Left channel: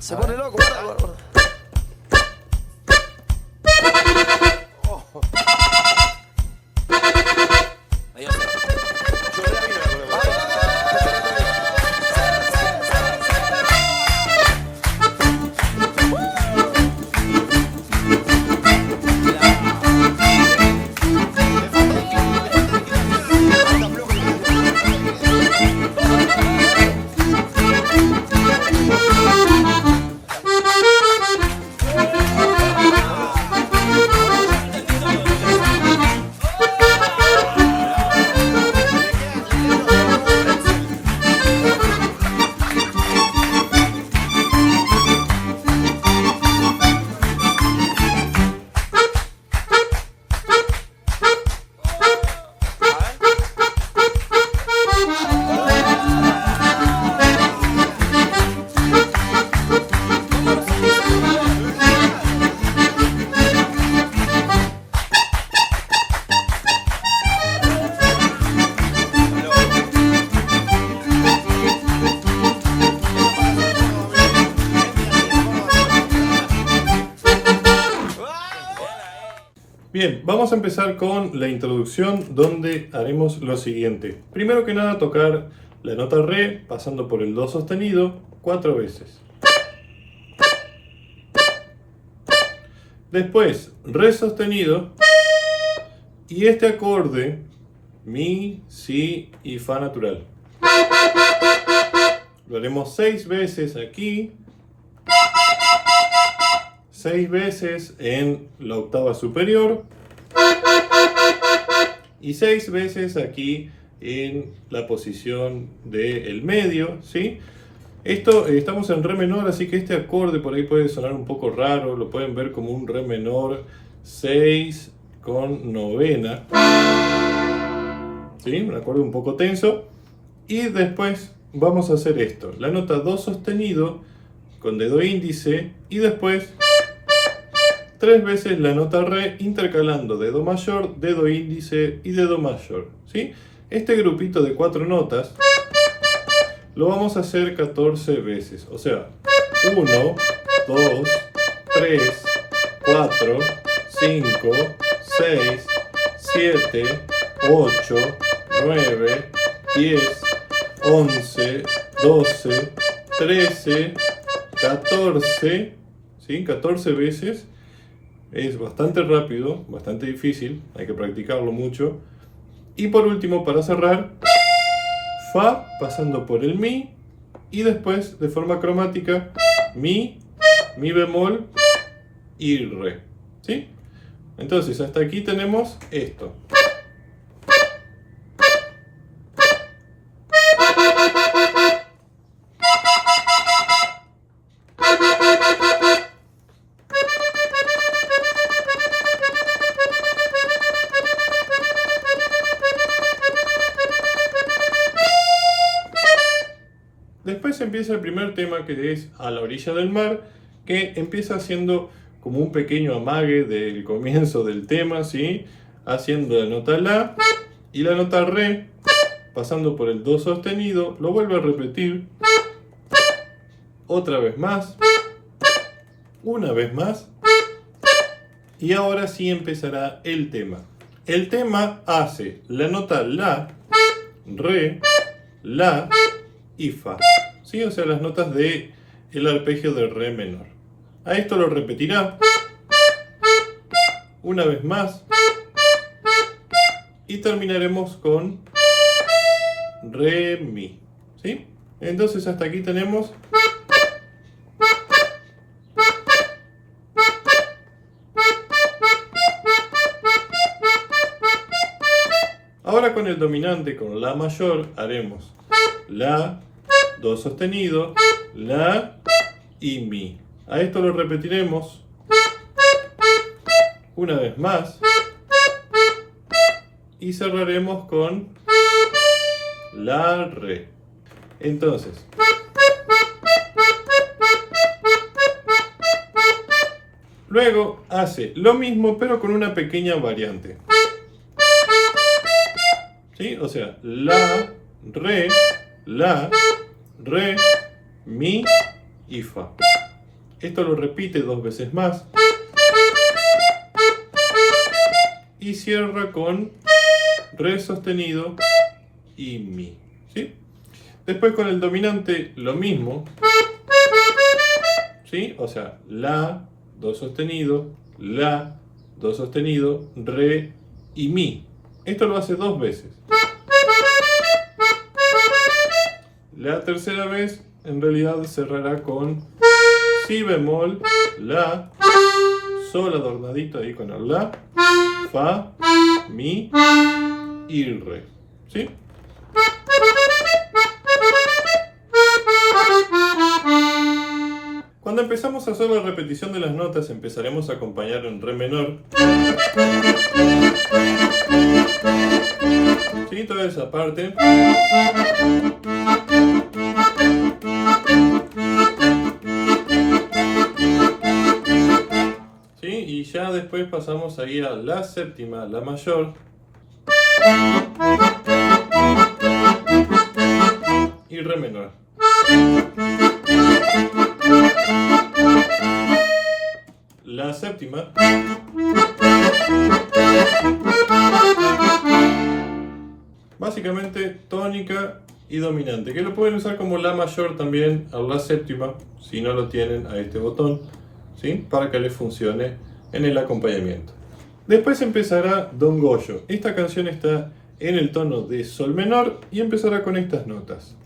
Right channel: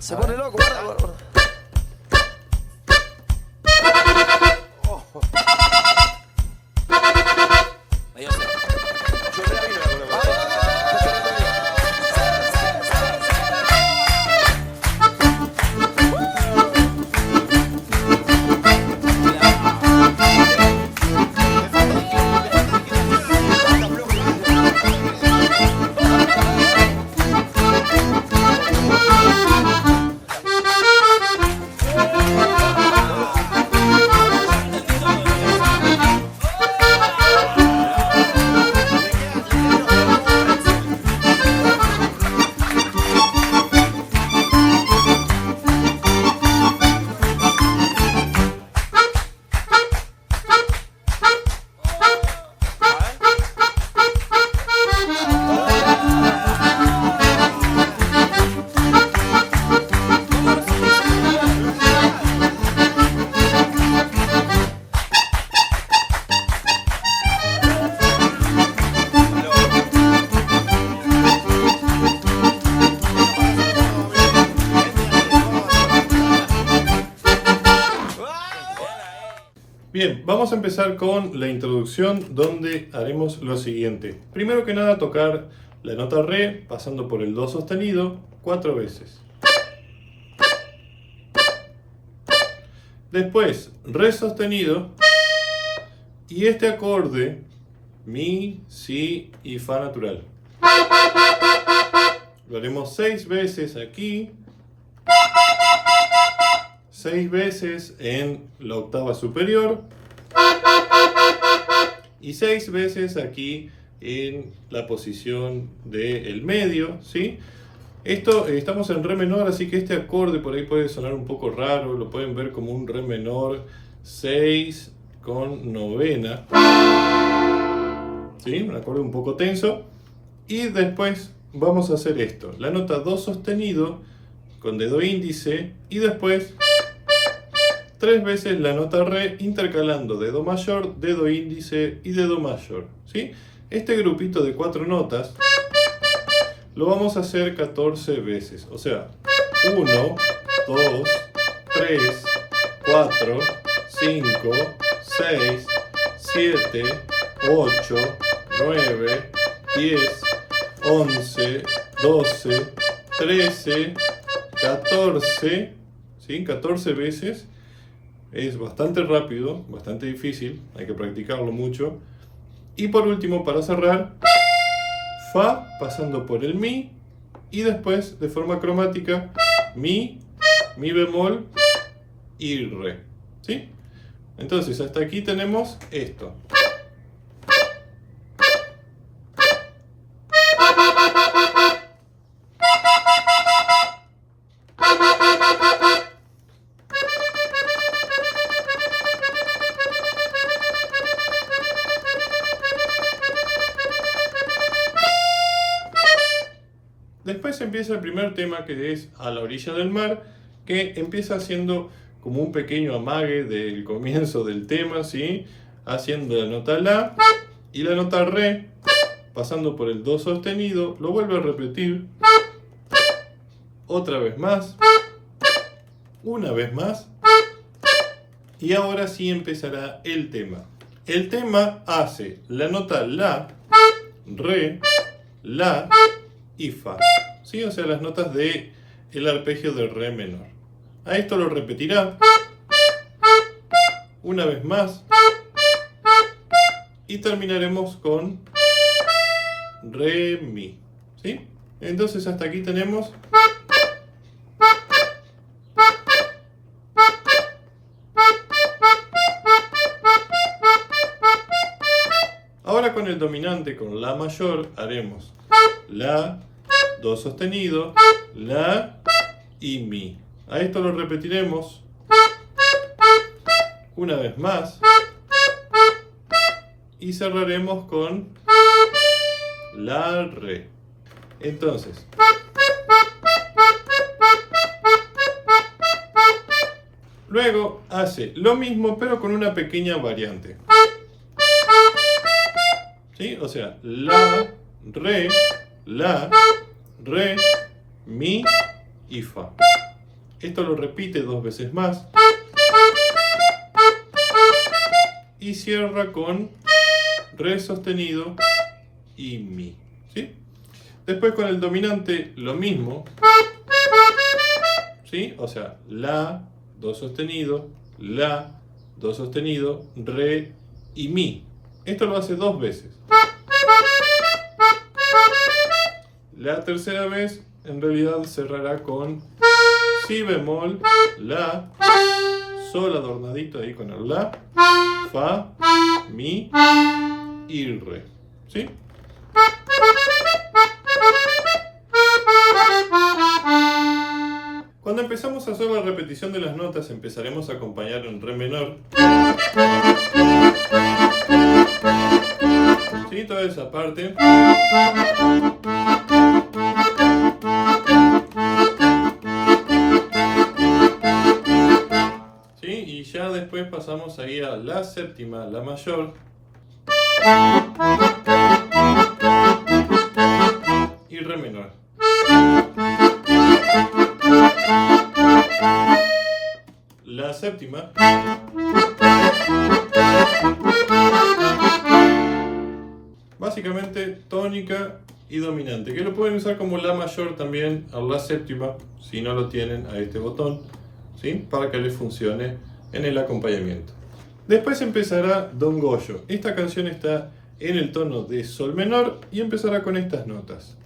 Se pone loco, guarda, guarda, guarda. Ahí va a ser. Yo re avino la coreografía. Bien, vamos a empezar con la introducción donde haremos lo siguiente. Primero que nada tocar la nota re pasando por el do sostenido 4 veces. Después re sostenido y este acorde mi, si y fa natural. Lo haremos 6 veces aquí, 6 veces en la octava superior y 6 veces aquí en la posición del medio, ¿sí? Esto estamos en re menor, así que este acorde por ahí puede sonar un poco raro, lo pueden ver como un re menor 6 con novena, ¿sí? Un acorde un poco tenso. Y después vamos a hacer esto, la nota do sostenido con dedo índice y después 3 veces la nota re intercalando dedo mayor, dedo índice y dedo mayor, ¿sí? Este grupito de 4 notas lo vamos a hacer 14 veces, o sea, 1, 2, 3, 4, 5, 6, 7, 8, 9, 10, 11, 12, 13, 14, ¿sí? 14 veces. Es bastante rápido, bastante difícil, hay que practicarlo mucho. Y por último, para cerrar, fa pasando por el mi y después de forma cromática mi bemol y re, ¿sí? Entonces hasta aquí tenemos esto. Después empieza el primer tema, que es A la orilla del mar, que empieza haciendo como un pequeño amague del comienzo del tema, ¿sí? Haciendo la nota la y la nota re, pasando por el do sostenido, lo vuelve a repetir otra vez más, una vez más, y ahora sí empezará el tema. El tema hace la nota la, re, la y fa, ¿sí? O sea, las notas de el arpegio de re menor. A esto lo repetirá una vez más y terminaremos con re mi, ¿sí? Entonces hasta aquí tenemos ahora con el dominante, con la mayor, haremos la, do sostenido, la y mi. A esto lo repetiremos una vez más y cerraremos con la re. Entonces, luego hace lo mismo pero con una pequeña variante, ¿sí? O sea, la, re, mi y fa. Esto lo repite 2 veces más. Y cierra con re sostenido y mi. ¿Sí? Después con el dominante lo mismo. ¿Sí? O sea, la, do sostenido, la, do sostenido, re y mi. Esto lo hace 2 veces. La tercera vez en realidad cerrará con si bemol, la, sol adornadito ahí con el la, fa, mi y re. ¿Sí? Cuando empezamos a hacer la repetición de las notas, empezaremos a acompañar en re menor. ¿Sí? Toda esa parte. ¿Sí? Y ya después pasamos a ir a la séptima, la mayor. Y re menor. La séptima. Básicamente tónica y dominante, que lo pueden usar como la mayor también a la séptima, si no lo tienen a este botón, ¿sí? Para que les funcione en el acompañamiento. Después empezará Don Goyo. Esta canción está en el tono de sol menor y empezará con estas notas.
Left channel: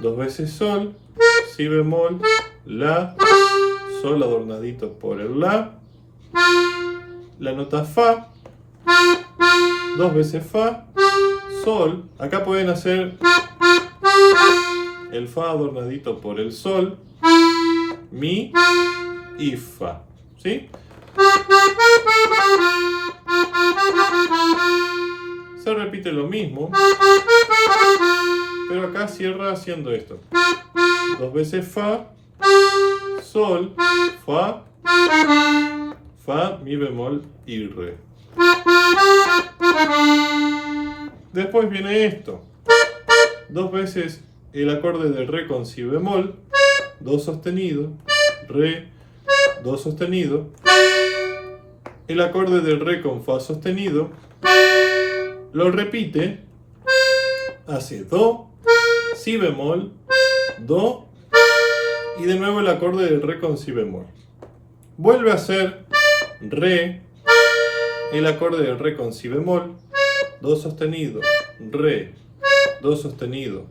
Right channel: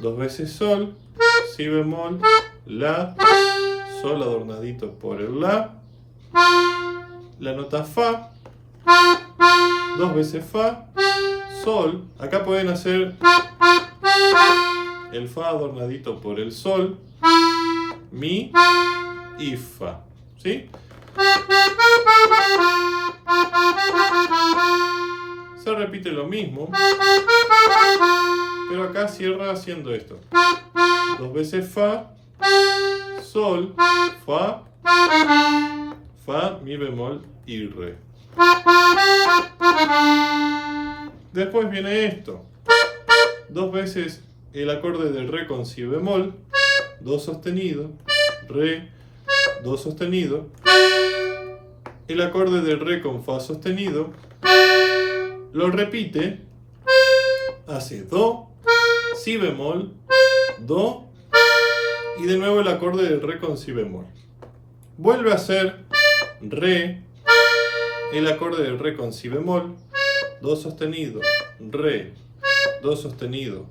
2 veces sol, si bemol, la, sol adornadito por el la nota fa, 2 veces fa, sol, acá pueden hacer el fa adornadito por el sol, mi y fa, ¿sí? Se repite lo mismo, pero acá cierra haciendo esto. 2 veces fa, sol, fa, fa, mi bemol y re. Después viene esto. 2 veces el acorde de re con si bemol, do sostenido, re, do sostenido. El acorde de re con fa sostenido, lo repite, hace do, si bemol, do, y de nuevo el acorde de re con si bemol. Vuelve a hacer re, el acorde de re con si bemol, do sostenido, re, do sostenido,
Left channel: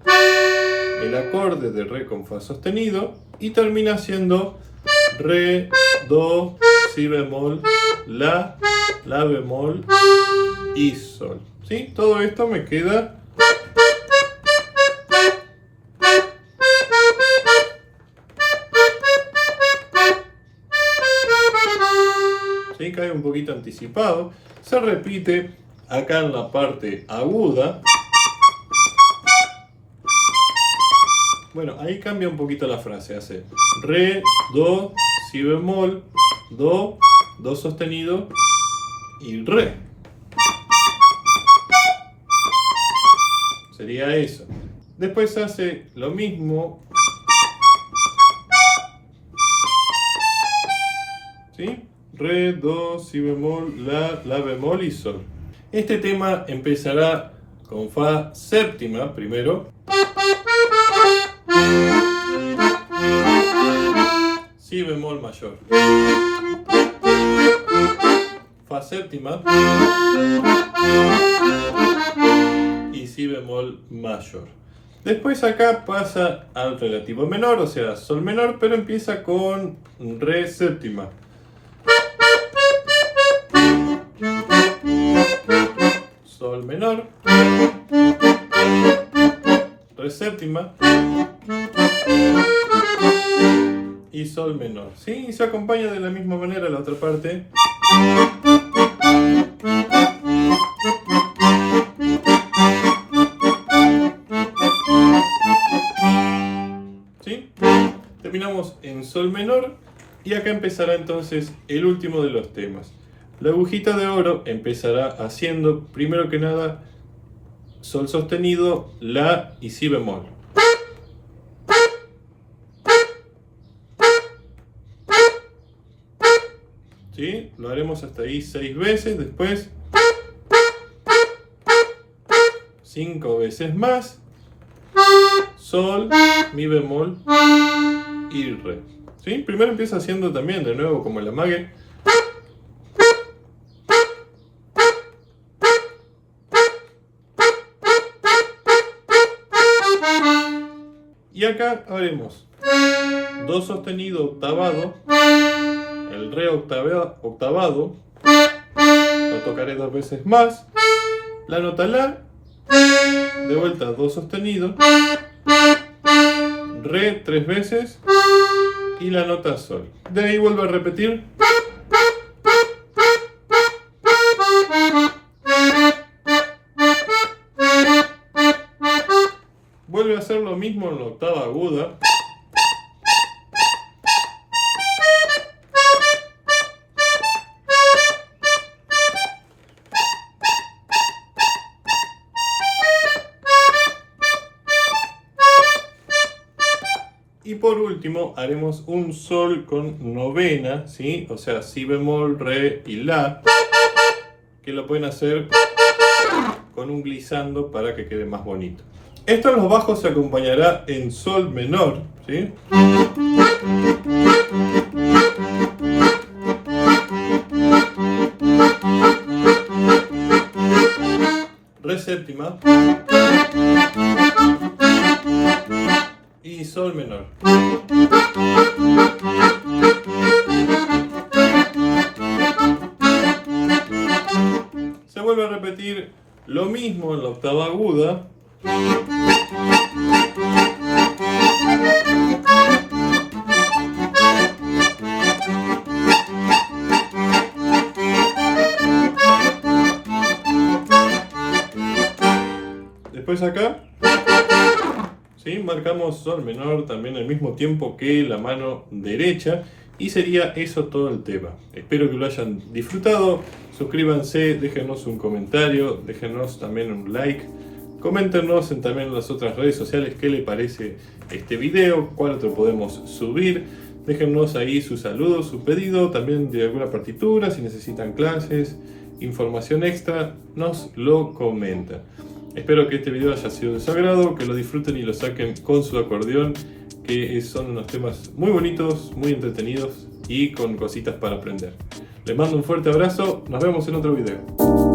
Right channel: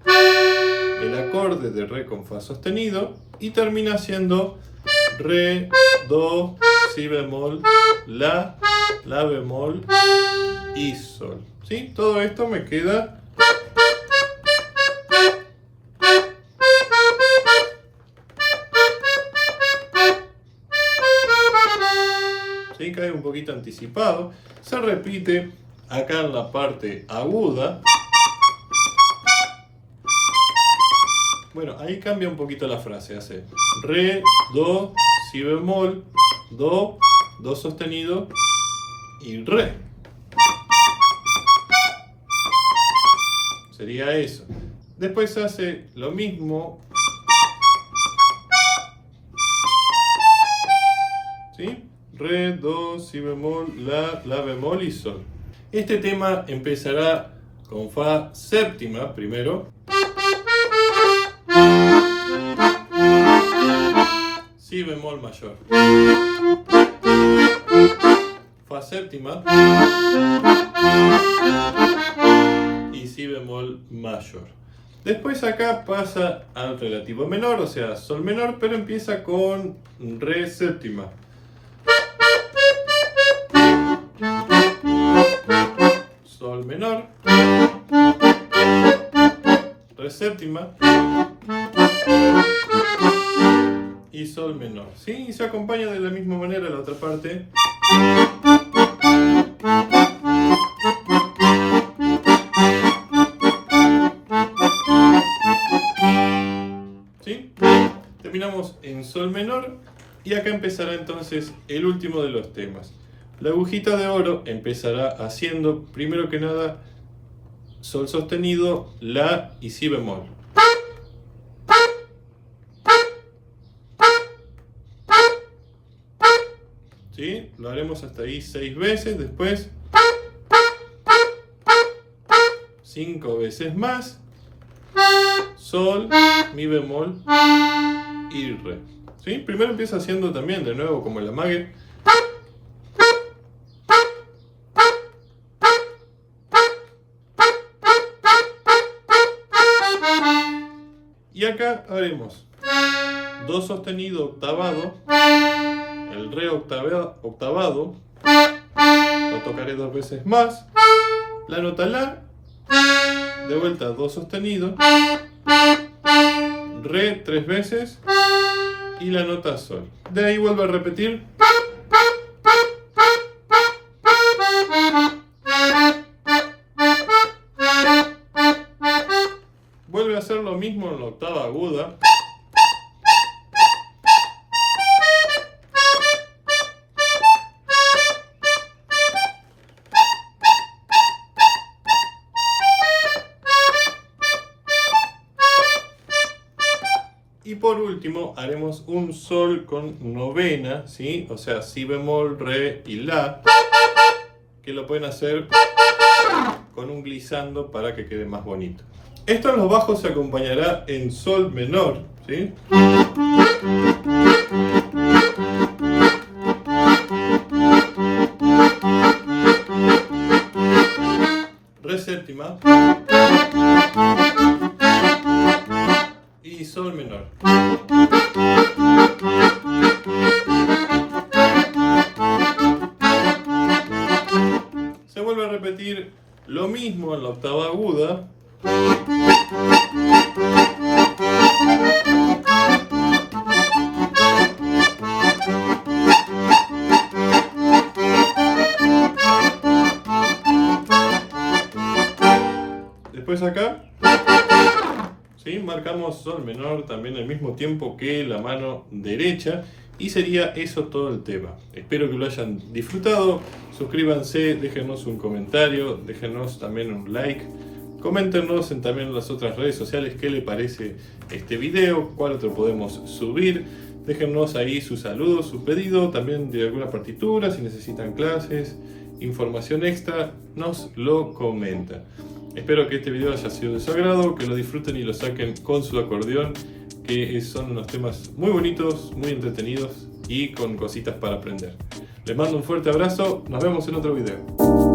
el acorde de re con fa sostenido, y termina siendo re, do, si bemol, la bemol y sol. ¿Sí? Todo esto me queda ¿sí? Cae un poquito anticipado. Se repite acá en la parte aguda. Bueno, ahí cambia un poquito la frase. Hace re, do, si bemol, do sostenido y re. Sería eso. Después hace lo mismo. ¿Sí? Re, do, si bemol, la bemol y sol. Este tema empezará con fa séptima primero. Si bemol mayor. Fa séptima. Y si bemol mayor. Después acá pasa al relativo menor, o sea, sol menor, pero empieza con re séptima. Sol menor, re séptima y sol menor. ¿Sí? Y se acompaña de la misma manera la otra parte. ¿Sí? Terminamos en sol menor y acá empezará entonces el último de los temas. La agujita de oro empezará haciendo, primero que nada, sol sostenido, la y si bemol. ¿sí? Lo haremos hasta ahí 6 veces, después 5 veces más, sol, mi bemol y re. ¿Sí? Primero empieza haciendo también de nuevo como el amague. Y acá haremos do sostenido octavado, el re octavado, lo tocaré 2 veces más, la nota la, de vuelta do sostenido, re 3 veces y la nota sol. De ahí vuelvo a repetir. Vuelve a hacer lo mismo en la octava aguda. Y por último haremos un sol con novena, ¿sí? O sea, si bemol, re y la, que lo pueden hacer con un glissando para que quede más bonito. Esto en los bajos se acompañará en sol menor, ¿sí? Re séptima y sol menor. Se vuelve a repetir lo mismo en la octava aguda. Después acá, ¿sí? Marcamos sol menor también al mismo tiempo que la mano derecha. Y sería eso todo el tema. Espero que lo hayan disfrutado. Suscríbanse, déjenos un comentario, déjenos también un like. Coméntenos también en las otras redes sociales qué les parece este video, cuál otro podemos subir. Déjenos ahí sus saludos, su pedido, también de alguna partitura, si necesitan clases, información extra, nos lo comentan. Espero que este video haya sido de su agrado, que lo disfruten y lo saquen con su acordeón, que son unos temas muy bonitos, muy entretenidos y con cositas para aprender. Les mando un fuerte abrazo, nos vemos en otro video.